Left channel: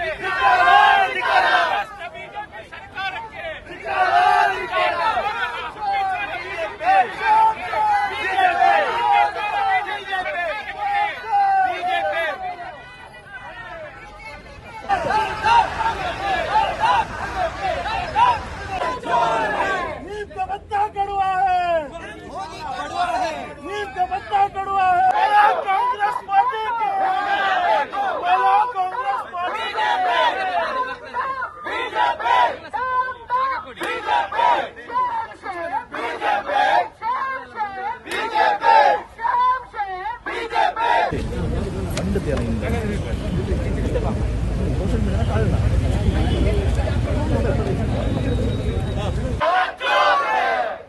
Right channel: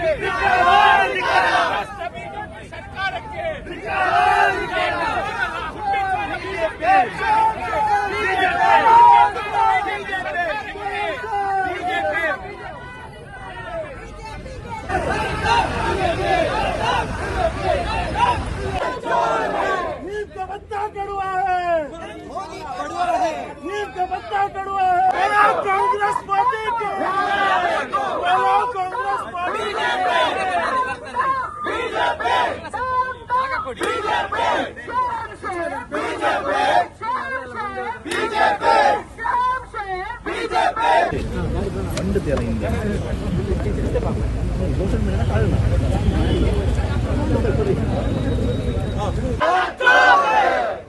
नीम का पत्ता कड़वा है, नीम का पत्ता कड़वा है। कांग्रेस पार्टी को,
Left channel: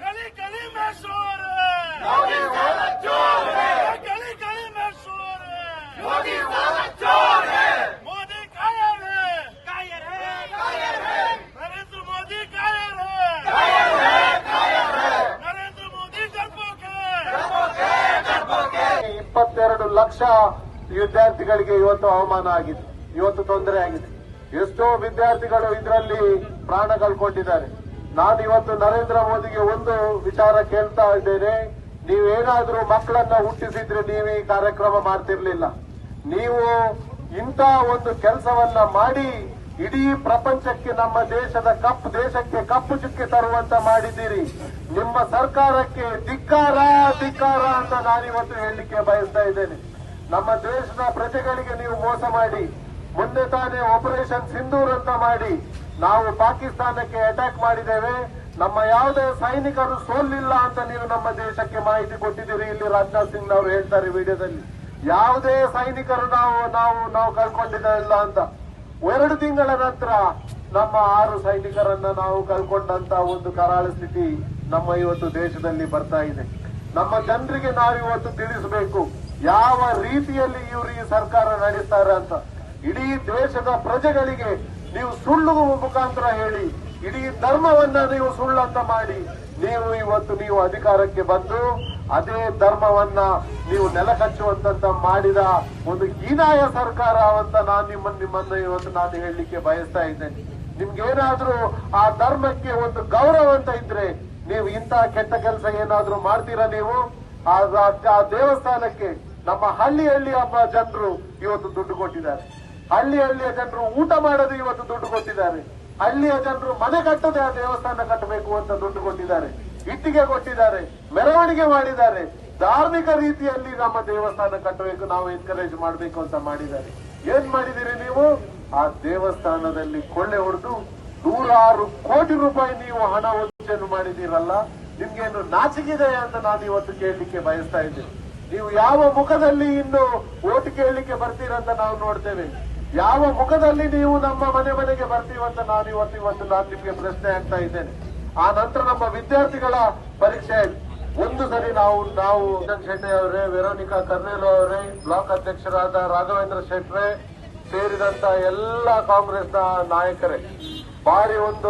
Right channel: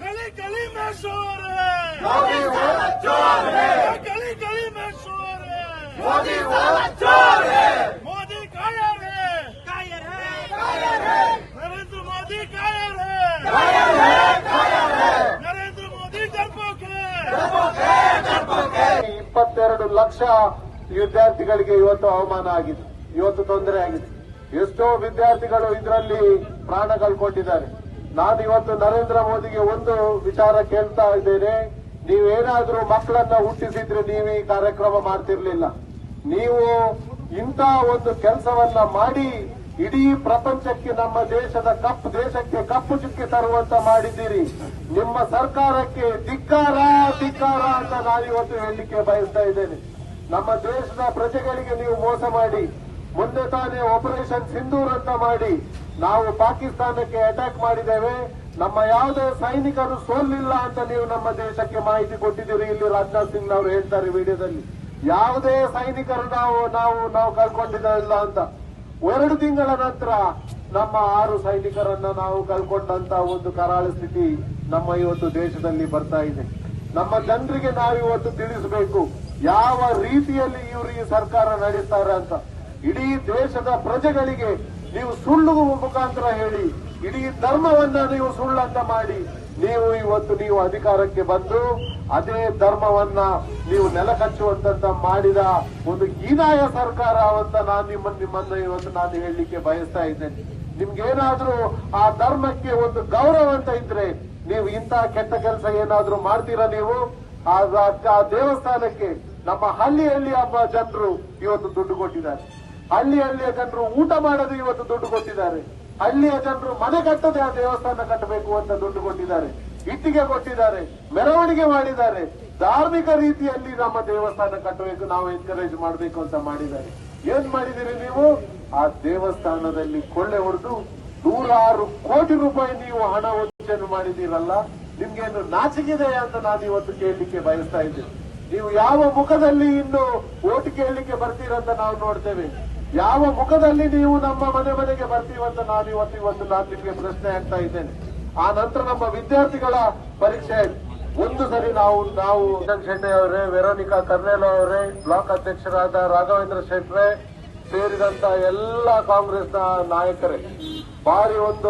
गली गली में शोर है, गली गली में शोर है। मोदी कायर है, नरेंद्र मोदी कायर है, नरेंद्र मोदी डरपोक है। 22 ಲಕ್ಷ ವಿದ್ಯಾರ್ಥಿಗಳಿಗೆ ಇವತ್ತು ಅವಮಾನ ಆಗಿದೆ, ಇವತ್ತು ತೊಂದರೆ ಆಗಿದೆ. ಎಷ್ಟೋ ವಿದ್ಯಾರ್ಥಿಗಳು ಇದರಲ್ಲಿ ಪ್ರಾಣ ಕಳ್ಕೊಂಡಿದ್ದಾರೆ. ನಾನು ಇವತ್ತು ನರೇಂದ್ರ ಮೋದಿಗೆ ಒಂದು ವಿಚಾರ ಕೇಳ್ತಾ ಇದ್ದೇನೆ. ನೀವೇನಾದ್ರೂ ಮಕ್ಕಳನ್ನ ಹುಟ್ಟಿಸಿದ್ರೆ ನೀವು ಈ ಕಾರ್ಯಕ್ರಮ ಮಾಡ್ತಿರ್ಲಿಲ್ಲ. ನೀವು ಇಂಥ ಒಂದು ಕೆಲಸವನ್ನ ಮಾಡಿ ಇಡೀ ಪ್ರಪಂಚಕ್ಕೆ ನಮ್ಮ ದೇಶಕ್ಕೆ ಕಪ್ಪು ಚುಕ್ಕೆ ತರುವಂತ ಮಾಡಿದ್ದೀರಿ. ನಿಮ್ಮ ಸರ್ಕಾರಕ್ಕೆ ಧಿಕ್ಕಾರ ಧಿಕ್ಕಾರ ಅಂತ ನಾನಿವತ್ತು ಹೇಳಲಿಕ್ಕೆ ಬಯಸ್ತಾ ಇದ್ದೇನೆ. ನಮ್ಮ ದೇಶದ ಪ್ರಜೆಗಳಿಗೆ ನೀವು ಮೋಸ ಮಾಡಿ, ಮುಂದೆ ತಾನೇ ಆಪರೇಷನ್ ಸಿಂಧೂರ್ ಅಂತ ಮಾಡಿ ನಾವು ಪಾಕಿಸ್ತಾನಕ್ಕೆ ಅಟ್ಯಾಕ್ ಮಾಡಿದ್ದೇವೆ. ನಮ್ಮ ಯಾವುದೇ ಸೈನಿಕರು ಸೋಲಿಲ್ಲ ಅಂತ ನೀವು ನಮ್ಮ ದೇಶಕ್ಕೆ ಮಾಹಿತಿ ಕೊಟ್ಟಿದ್ದೀರಿ. ಇಲ್ಲಿ ರಾಜನಾಥ್ ಸಿಂಗ್ ಅವರು ಹೇಳ್ತಾರೆ ವಿಡಿಯೋದಲ್ಲಿ, ಯಾವುದೇ ಸೈನಿಕರು ನಾವು ಕಳ್ಕೊಂಡಿಲ್ಲ ಅಂತ. 2 ತಿಂಗಳ ನಂತರ ನಮ್ಮ 6 ಸೈನಿಕರನ್ನ ನಾವು ಕಳ್ಕೊಂಡಂತ ಒಂದು ಕರಾಳ ಸ್ಥಿತಿ ನಮ್ಮ ಇವತ್ತು ದೇಶದಲ್ಲಿ ಬರ್ತಾ ಇದೆ. ನಮ್ಮ ಜನರಿಗೆ ನಾವು ಇವತ್ತು ತಿಳಿಸಬೇಕು ಯಾವ ರೀತಿಯಲ್ಲಿ ಇವರು ಈ ಸರ್ಕಾರ ನಡೆಸ್ತಾರೆ ಅಂತ. ಇಡೀ ದೇಶದ ಪ್ರಜೆಗಳಿಗೆ ನೀವು ಸುಳ್ಳು ಮುಖಾಂತರ ಹೇಳಿ, ಇಡೀ ಧರ್ಮವನ್ನ ನೀವು ಸುಳ್ಳಂತ ಮಾಡಿ ನೀವು ಅಧಿಕಾರಕ್ಕೆ ಬಂದು ಅದೇ ಧರ್ಮವನ್ನ ನೀವು ನೆಲಕಚ್ಚುವಂತ ಮಾಡಿದ ಒಂದು ಹೀನಾಯ ಸರ್ಕಾರ ಅಂತ ನಿಮ್ಮನ್ನ ಇವತ್ತು ನಾನು ಹೇಳಲಿಕ್ಕೆ ಬಯಸ್ತಾ ಇದ್ದೇನೆ. ನಿಮ್ಗೇನಾದ್ರೂ ಆ ಧರ್ಮಕ್ಕೆ ಒಂದು ಗೌರವ ಅಂತ ಇದ್ರೆ ನೀವು ಇಂಥ ಕೆಟ್ಟ ಕೆಲಸ ಏನಾದ್ರೂ ಮಾಡ್ತೀರಾ? ನೀವು ಆ ದೇವಸ್ಥಾನಕ್ಕೆ ನಮ್ಮ ಹಳ್ಳಿಯ ಜನರು ಇವತ್ತು ದುಡ್ಡು ಕೊಟ್ಟಿದ್ದಾರೆ. ಹಳ್ಳಿಯ ಜನರು ಊಟ ಮಾಡೋದು ಇವತ್ತು ದುಡ್ಡು ಕೊಟ್ಟಿದ್ದಾರೆ. ಹಳ್ಳಿಯ ಜನರು ಮನೆ ಕಟ್ಟದೆ ಆ ದೇವಸ್ಥಾನ ಕಟ್ಟಬೇಕು ಅಂತ ದುಡ್ಡು ಕೊಟ್ಟಿದ್ದಾರೆ, ಇಟ್ಟಿಗೆ ಕೊಟ್ಟಿದ್ದಾರೆ, ಮೆರವಣಿಗೆ ಮಾಡಿದ್ದಾರೆ. ಧಾರ್ಮಿಕ ರೀತಿಯಲ್ಲಿ ನಮ್ಮ ದೇವಸ್ಥಾನ ಕಟ್ಟಬೇಕು, ನಾವು ಎನ್ಕರೇಜ್ ಮಾಡಬೇಕು ಅಂತ ಮಾಡಿದ್ದಾರೆ. ಏನ್ ಮಾಡಿದಿರಿ ನೀವು? ಆ ದೇವಸ್ಥಾನದಲ್ಲಿ ಕೊಳ್ಳೆ ಹೊಡೆದು 106 ಕೋಟಿ ರೂಪಾಯಿ ನೀವು ಹಣ ವಂಚನೆ ಮಾಡಿದ್ದೀರಲ್ಲ, ನಿಮ್ಗೇನು ನಾಚಿಕಿದೆ ಅಂತ ನಾನು ಇವತ್ತು ಕೇಳಲಿಕ್ಕೆ ಬಯಸ್ತಾ ಇದ್ದೇನೆ. ನೀವು ಯಾವ ಮುಖದಲ್ಲಿ ಇನ್ನು ಓಟ್ ಕೇಳಲಿಕ್ಕೆ ಬರ್ತೀರಂತ ನಾವು ನೋಡ್ತೇವೆ. ಯಾವ ಮುಖದಲ್ಲಿ ನೀವು ನಮ್ಮ ಮನೆಗೆ ಬರ್ತೀವಂತ ನಾನು ಇವತ್ತು ನಾನು ನಿಮಗೆ ಪ್ರಶ್ನೆ ಆಗ್ತಾ ಇದ್ದೇನೆ. ಆ ನಂತರ ನಮ್ಮ ವಿದ್ಯಾರ್ಥಿಗಳ ಪರೀಕ್ಷೆ ಒಂದು ಸರಿ ನಾವು ಶೆಟ್ಟಿ ಅವರೇ, ವೆರೋನಿಕಾ ಕರ್ನೇಲ್ ಅವರೇ, ಬ್ಲಾಕ್ ಅಧ್ಯಕ್ಷರಾದ ರಾಘವೇಂದ್ರ ಶೆಟ್ರೆ ಸೇರಿದಂತ ಎಲ್ಲ ಕಾಂಗ್ರೆಸ್ನ ನಾಯಕರೇ ಭಾರಿ ಒಂದು